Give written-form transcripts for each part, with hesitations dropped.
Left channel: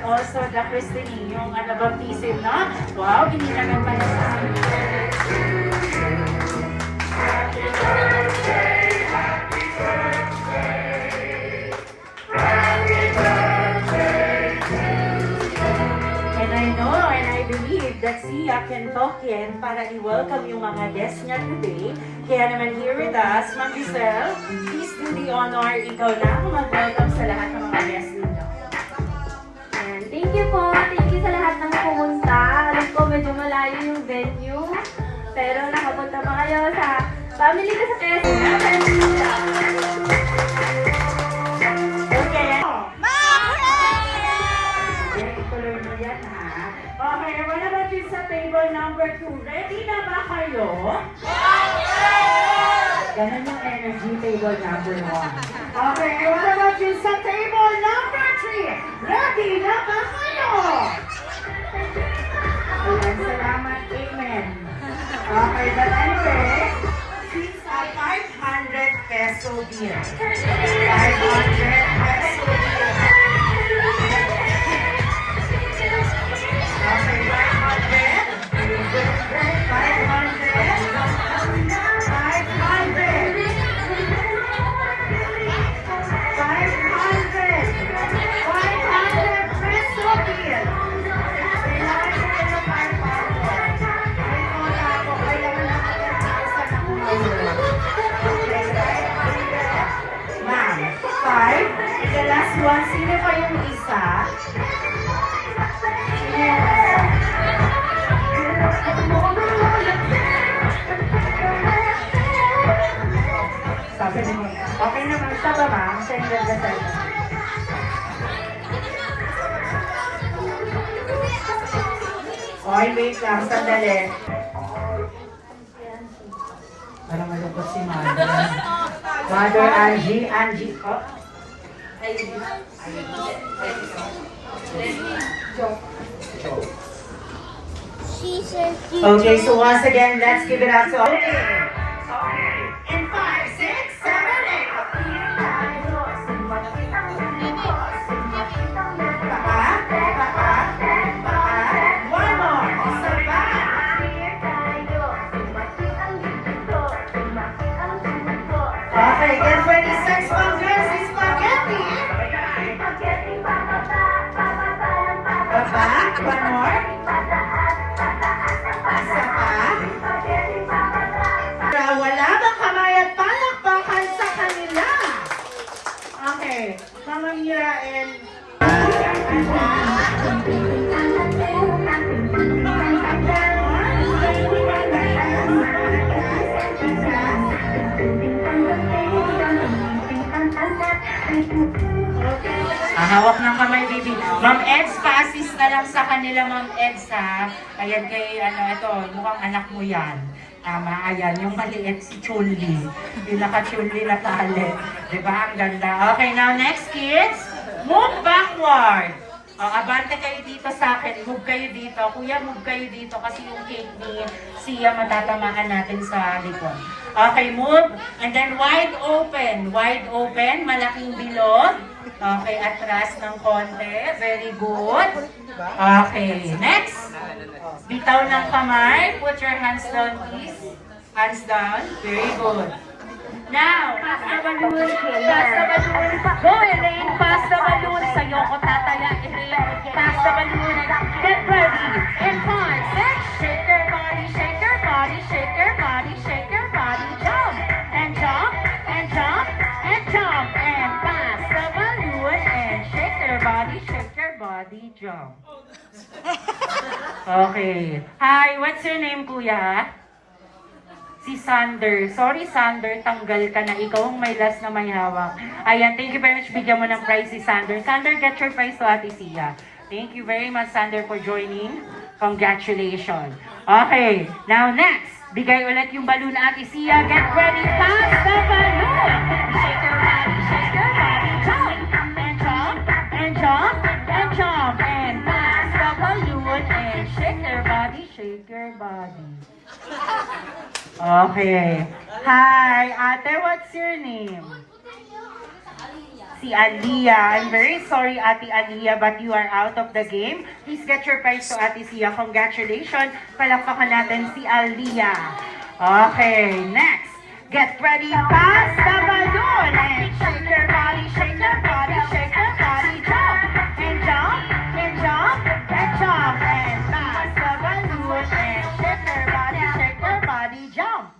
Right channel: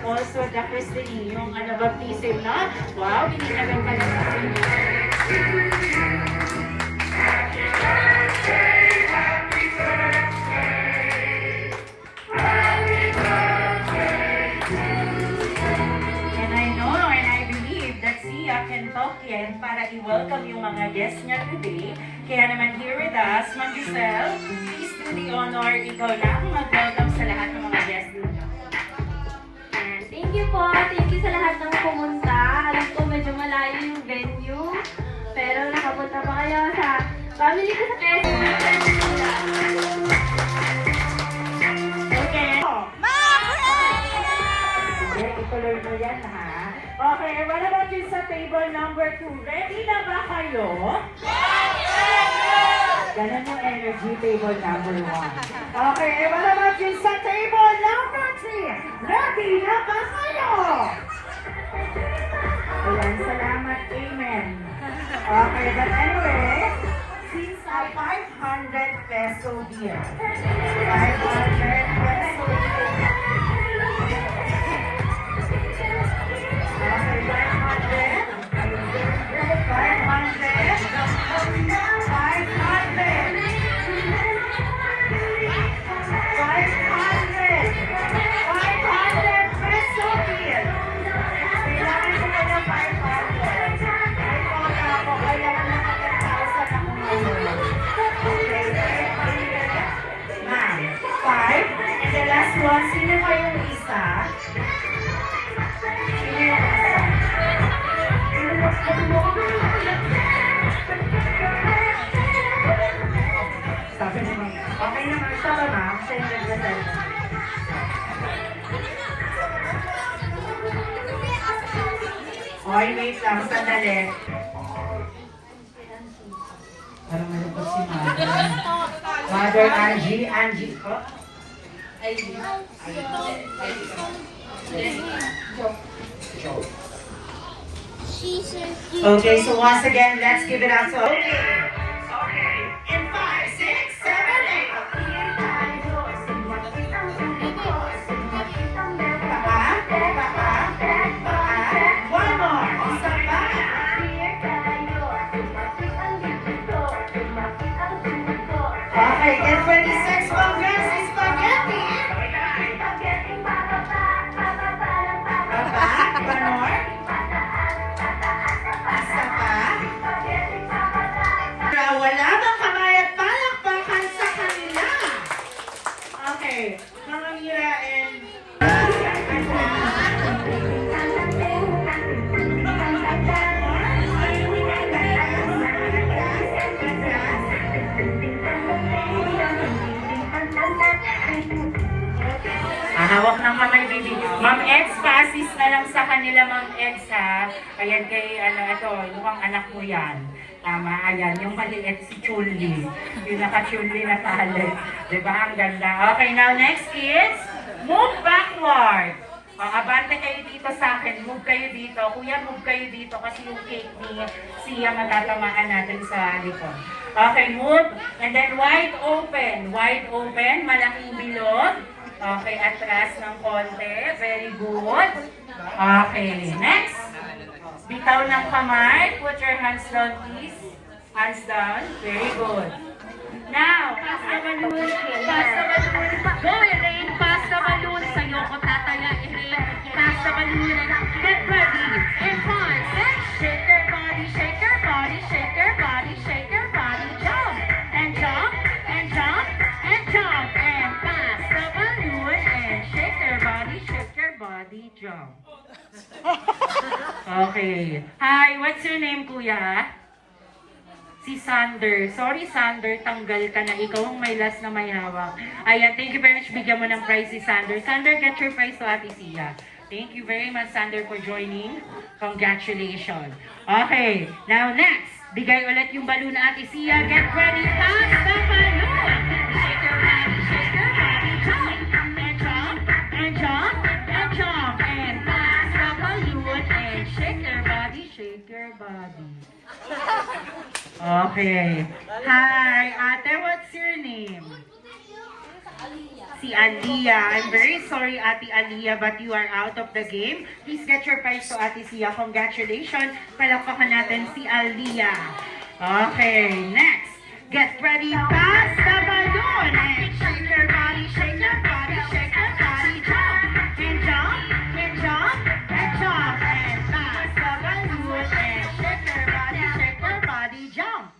and also the Christine, yung baptism, no? Wow, binilagay pa rin sa that Sia can talk yan para i-welcome yung mga guests niya today. Kaya naman here with us, Ma'am Giselle, please do the honor. Ikaw na mag-welcome sa lahat ng mga guests ninyo. Thank you po. Thank you sa lahat ng pumunta. Alam ko medyo malayo yung venue. Pero nakapunta pa kayo sa family ko sa Quezon. Okay. Ituloy mo yan, ha? Okay, what about you sa table number 2? Ready na ba kayo? Ganun yung energy, table number 1. Okay, what about you sa table number 3? Ready na ba kayo? Ayan, salamat. Amen. Okay, but anyway, since a 500 peso deal. 500 peso deal. Okay, 500. 500 peso deal. Kailangan ko kaya 500. Ako, kailangan na kaya 1,000 ako ngayon. Okay, now, 5. The last one, sino kayong isa? Sino yung isa? Sabi mo, okay naman, sabi ba? Sender ka sa'yo. Okay, wait lang, sandali. Parang malungkot si Mother. Mother Angie, oh. Okay, so once again, let's give it up to in 5, 6, 7, 8. One more. Isa pa. Okay, get 26 more girls. Spaghetti. One more. Isa pa. Wala bang kamay at palakpakan sa kanila? Okay, Mama Mira and hawak ng kamay, baby. Ma'am Eds, pa-assist na lang sa kanila, Ma'am Eds, ha? Ayan kay, ito, mukhang anak mo yan. Tama, ayan, yung maliit si Chulli. Yung naka-Chulli na tali. Diba, ang ganda. Okay, now next, kids. Move backward. Abante kayo dito sa akin. Move kayo dito. Kuya, move kayo dito kasi yung cake ni Sia matatamaan natin sa likod. Okay, move. And then wide open. Wide open. Malaking bilog. Okay, atras ng konti. Very good. Okay, next. Bitaw ng kamay. Put your hands down, please. Hands down. Very good. Now, pass the balloon. Pass the balloon. Go, Elaine. Pass the balloon. Sa'yo ko tataya, Elaine. Pass the balloon. Get ready. In 5, 6. Shake your body, shake your body, shake your body, shake your body. Jump. And jump. And jump. And jump. And pass the balloon. And shake your body, shake your body. Jump. Okay. Hi, what's your name, kuya? Si Sander. Sorry, Sander, tanggal ka na. Ikaw ang may last na may hawak. Ayan, thank you very much. Bigyan mo ng prize si Sander. Sander, get your prize to Ate Sia. Thank you very much, Sander, for joining. Congratulations. Okay, now next. Bigay ulit yung balloon na Ate Sia. Get ready. Pass the balloon. Shake your body, shake your body. Jump, and jump, and jump, and jump. And pass the balloon. And shake your body, shake your body. Okay. Hi, Ate, what's your name? si Aliyah. I'm very sorry, Ate Aliyah, but you are out of the game. Please get your prize to Ate Sia. Congratulations. Palakpakan natin si Aliyah. Okay, next. Get ready, pass the balloon. And shake your body, shake your body, shake your body. Jump, and jump, and jump, and jump. And pass the balloon. And shake your body, jump.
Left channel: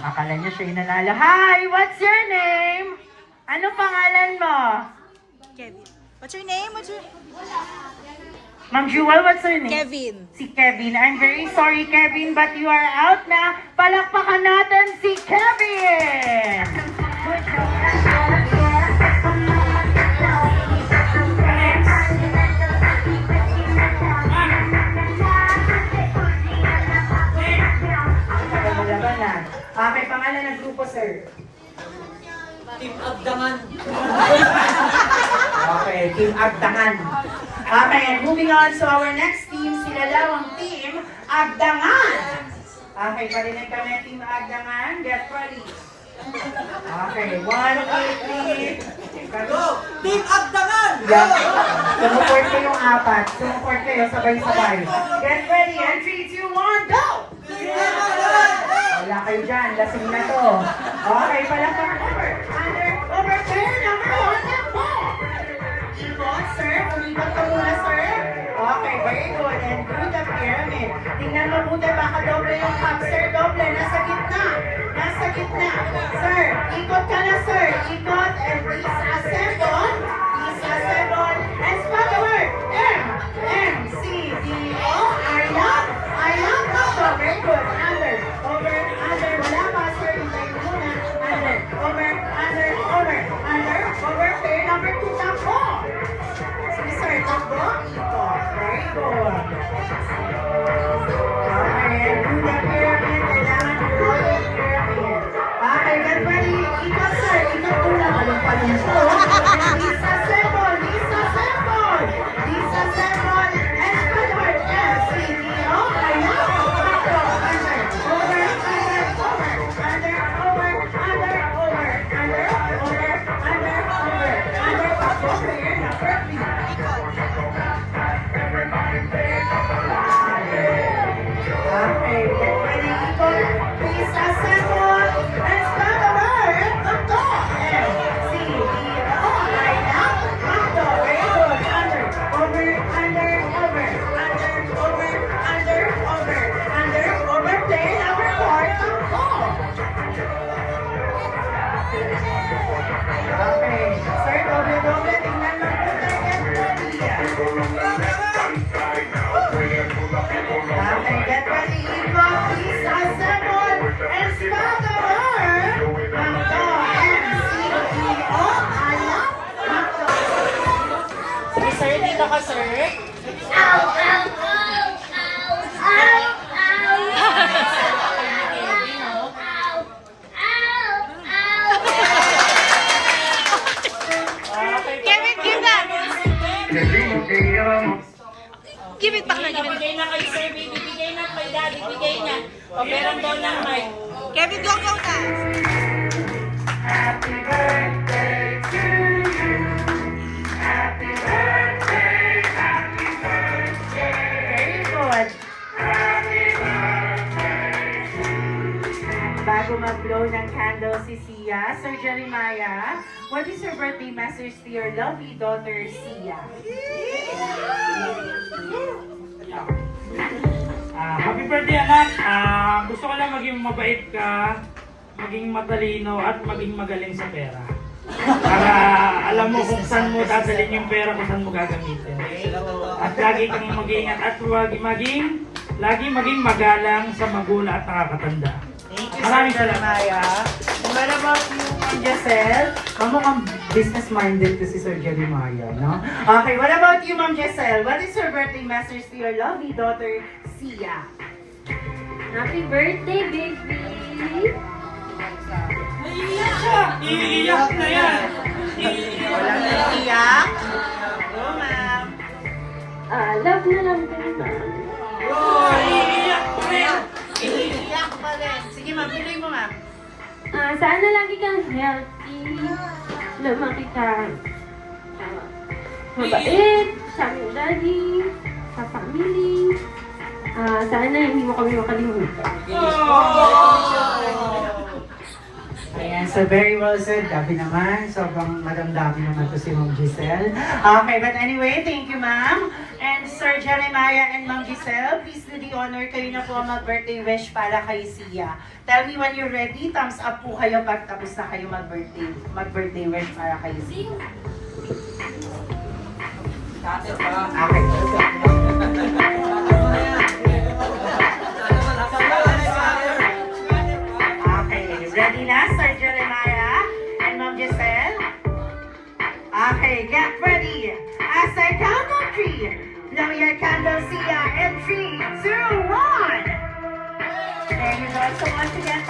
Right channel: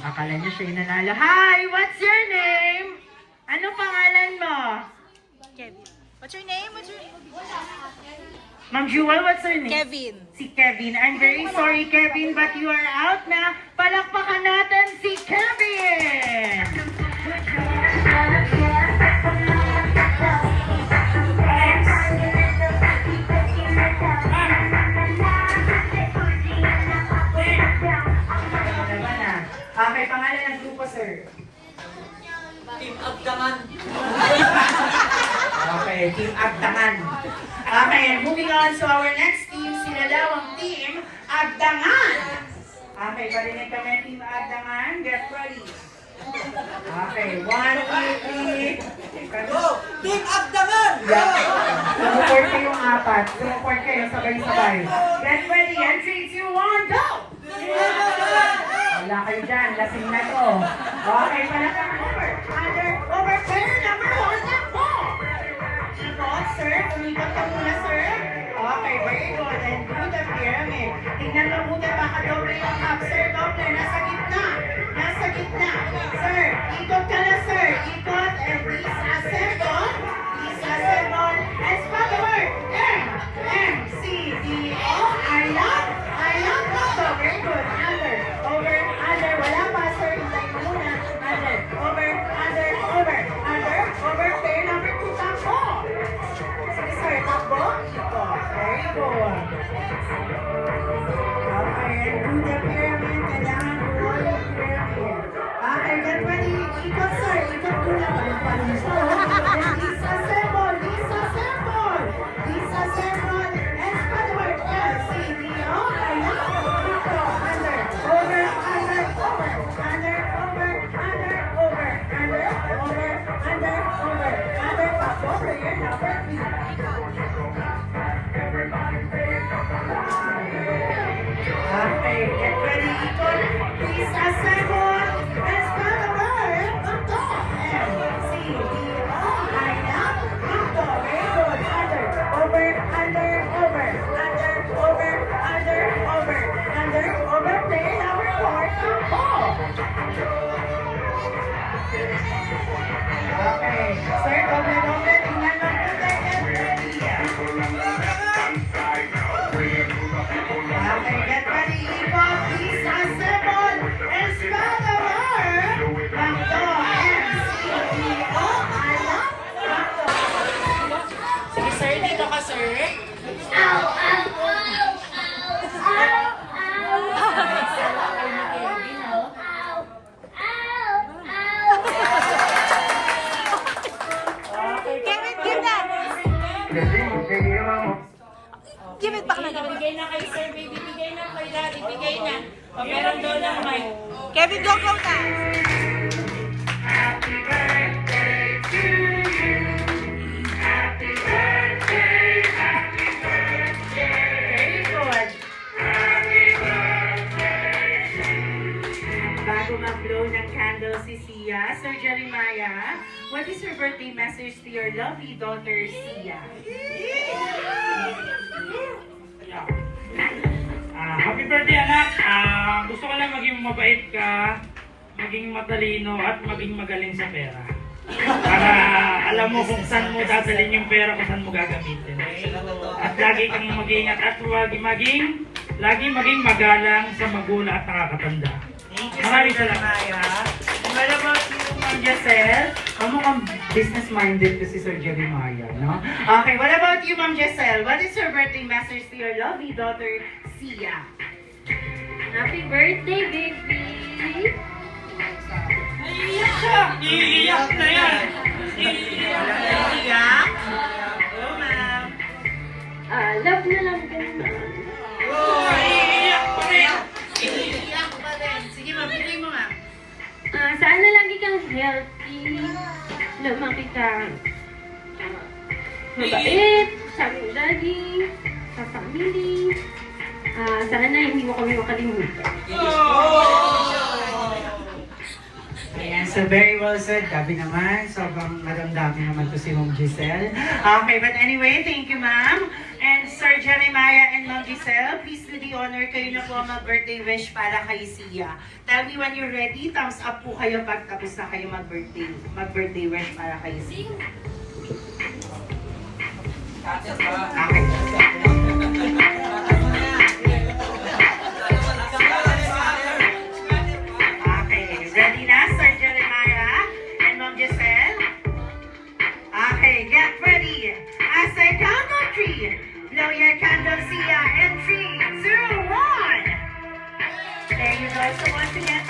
Akala niyo siya yung nanalo. Hi! What's your name? Ano pangalan mo? Kevin. What's your name? Ma'am Jewel, what's your name? Kevin. Si Kevin. I'm very sorry, Kevin, but you are out na. Palakpakan natin si Kevin! Malaban na. Okay, pangalan ng grupo, sir. Team Abdangan. Okay, Team Abdangan. Okay, and moving on to our next team, sila daw ang Team Abdangan. Okay, parinig ka na Team Abdangan. Get ready. Okay, 1, 2, 3. Go! Team Abdangan! Yeah. Sumuport ko yung apat. Sumuport kayo sabay-sabay. Get ready, and 3, 2, 1, go! Wala kayo dyan, lasing na to. Okay, palakpak over. Over, turn, number 1, and 4. Ikot, sir. Umikot ka muna, sir. Okay, very good. And do the pyramid. Tingnan mo muna, baka doble yung cup. Sir, doble. Nasa gitna. Nasa gitna. Sir, ikot ka na, sir. Ikot. And please assemble. Please assemble. And spell the word. M-C-D-O. Ayan. Ayan. Very good. Under. Over. Under. Wala pa, sir. Hintay mo muna. Under. Over. Under. Over. Under. Over. Pair number 2. Takbo. Sige, sir. Takbo. Ikot. Very good. Okay. And do the pyramid. Kailangan royal pyramid. Okay. Get ready. Ikot, sir. Ikot muna. Walang pa naman siya. And disassemble. Disassemble. Disassemble. And spread the word. M-C-D-O. Ayan. Takbo. Under. Over. Under. Over. Under. Over. Under. Over. Under. Over. Under. Over. Under. Takbo. Player number 3. Okay, get ready, people. Please assemble and start the word. Takbo. M-C-D-O. Ayan. Takbo. Very good. Under. Over. Under. Over. Under. Over. Under. Over. Under. Over. Player number 4. Takbo. Okay. Sir, doble-doble. Tingnan mo po tayo. Get ready. Okay, get ready, Ikot. Please assemble and spell the word. Takbo. M-C-D-O. Ayan. Takbo. Sige, sir. Dito ka, sir. Ow! Ow! Ow! Ow! Ow! Kevin, give that! Give it back na, give it. Bigay na kay sir. Bigay na kay daddy. Bigay na. Meron daw ng mic. Kevin, go na! Happy birthday to you. Happy birthday. Happy birthday. Very good. Happy birthday to you. Bago mag-blow ng candle si Sia, Sir Jeremiah, what is your birthday message to your lovely daughter, Sia? Happy birthday, anak! Gusto ko lang maging mabait ka, maging matalino, at maging magaling sa pera. Para alam mo kung saan mo dadalhin yung pera, kung saan mo gagamitin. At lagi kang mag-iingat at lagi maging magalang sa magulang at nakakatanda. Maraming salamat. What about you, Ma'am Giselle? Mukhang business-minded to si Sir Jeremiah, no? Okay, what about you, Ma'am Giselle? What is your birthday message to your lovely daughter, Sia? Happy birthday, baby! Iiyak siya! Iiyak na yan! Iiyak? Oh, ma'am. Love na lang kita. Oh, iiyak pa rin! Iiyak pa rin. Sige, mabigay mo nga. Sana lagi kang healthy, lumaki kang mabait sa aming daddy, sa family. Sana hindi mo kami makalimutan. Ayan, so very well said. Gabi naman, sobrang madamdami naman to si Ma'am Giselle. Okay, but anyway, thank you, Ma'am. And Sir Jeremiah and Ma'am Giselle, please do the honor, kayo na po ang mag-birthday wish para kay Sia. Tell me when you're ready, thumbs up po kayo pag tapos na kayo mag-birthday wish para kay Sia. Okay, ready na, Sir Jeremiah and Ma'am Giselle? Okay, get ready. As I count on 3, blow your candle, Sia, in 3, 2, 1. There you go. So once again,